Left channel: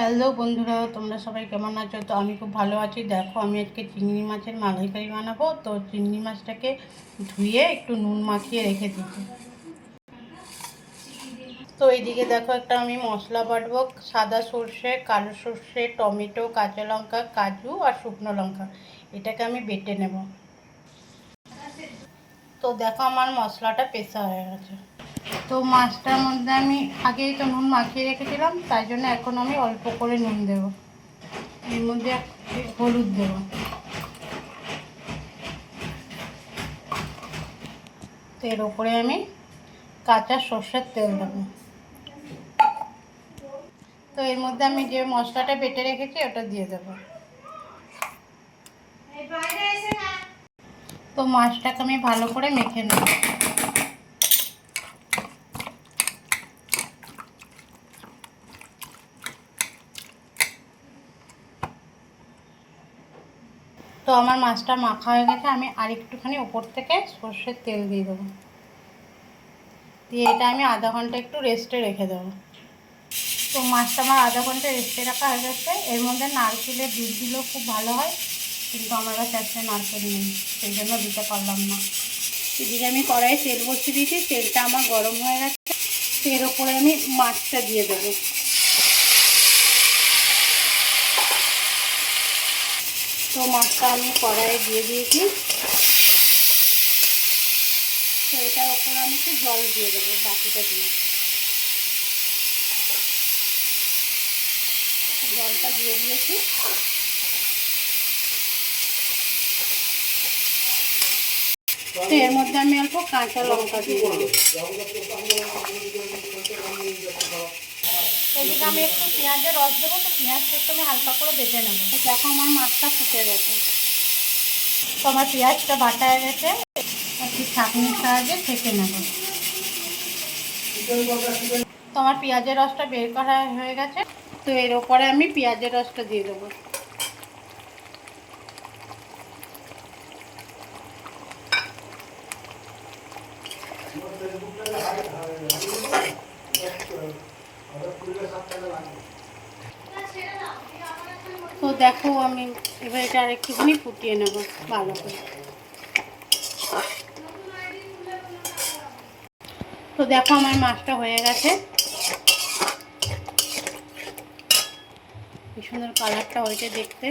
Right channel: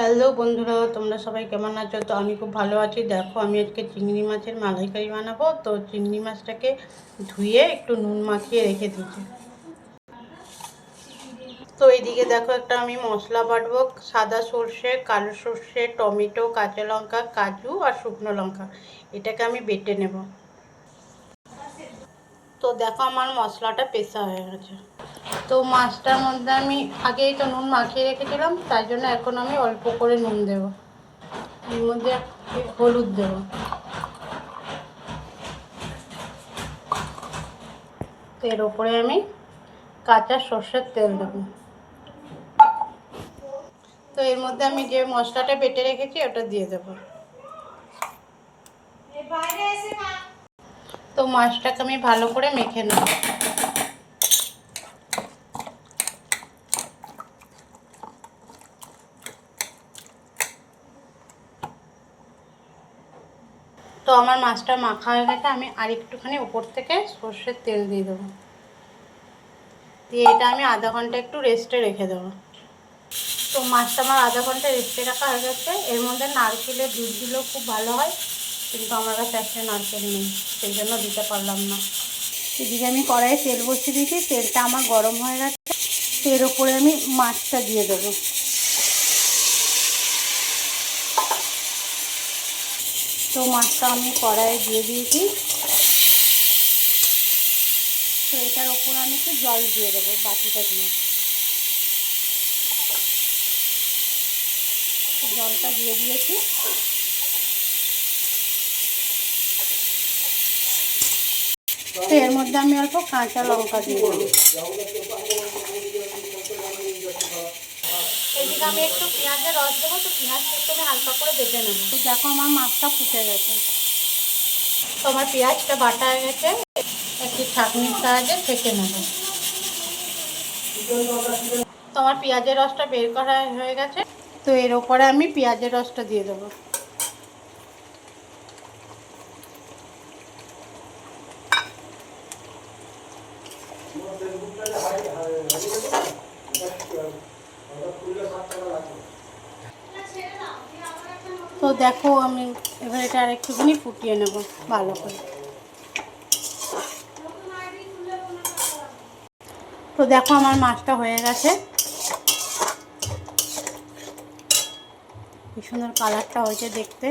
Hello বন্ধুরা, তোমরা সবাই কেমন আছো? তো আমি খুব ভালো আছি। দেখো, আমি আজকে চিংড়ি মাছের মালাইকারি বানাবো। তো চিংড়ি মাছটাকে ধুয়ে একটু নুন মাখিয়ে রেখে দিচ্ছি। তো এইদিকে দেখো, একটা আমি মশলা বাটবো। সাদা সর্ষে, কালো সর্ষে, টমেটো, কাঁচা লঙ্কা, কাজু আর শুকনো লঙ্কা, এটাকে আমি বেটে নেব। তো দেখো, আমার মশলাটা পেশা হয়ে গেছে। তো মাছটার মধ্যে আমি আগেই তো নুন মাখিয়ে রেখেছিলাম, তাই জন্য এখন আমি অল্প করে নুন দেব। এর মধ্যে হলুদ দেব। তো এর ওপরে আমি কাঁচা সর্ষের তেল দেবো। তো এর মধ্যে আমি যে মশলাটা বেটে রেখেছি ওটা দিয়ে দেবো। তো মাছটাকে আমি ভালো করে মেখে নেব। তো আমার মাছটা মাখা হয়ে গেছে। আমি আর একটুখানি ওপর থেকে সর্ষের তেল দিয়ে দেবো। দিয়ে এটা আমি আধা ঘন্টা একটু রেস্টে রেখে দেবো। তো মাছটা আমার আধা ঘন্টা রেস্টে রাখা হয়ে গেছে। এর মধ্যে নারকেলের দুধ দিলেও খুব ভালো হয়, কিন্তু আমার কাছে একটা নারকেল নেই, সেই জন্য দিতে পারলাম না। এদিকে আমি কড়াইয়ে তেল বসিয়ে দিয়েছি। তেলটা আমার গরম হয়ে গেছে। এর ওপরে আমি মাছটা দিয়ে দেবো। তো মাছটা আমি কড়াইয়ে দিয়ে দিয়েছি। তো এটার ওপর আমি একটু জল দিয়ে দেবো বাটিটা দিয়ে। জলটা দিয়ে দিয়েছি। তো এর মধ্যে আমি অল্প কাঁচা লঙ্কা দিয়ে দেবো। এদিকে আমি একটু পেঁয়াজের রস দেবো। তো পেঁয়াজটা একটু আমি হালকা করে বেটে নেবো। তো দেখো, আমার মাছটা ফুটে গেছে। তো আমার পেঁয়াজটা বাটা হয়ে গেছে। একটি ছাঁকনির সাহায্যে ছেঁকে নেব। তো আমার পেঁয়াজের রসটা বের করা হয়ে গেছে। তো এর ওপরে আমি পেঁয়াজের রসটা দিয়ে দেবো। তো দেখো, আমি এবার এটা আর একটুখানি ফুটিয়ে নেব ভালো করে। তো দেখো, আমার মাছটা হয়ে গেছে। কি সুন্দর কালারটা হয়েছে দেখতে।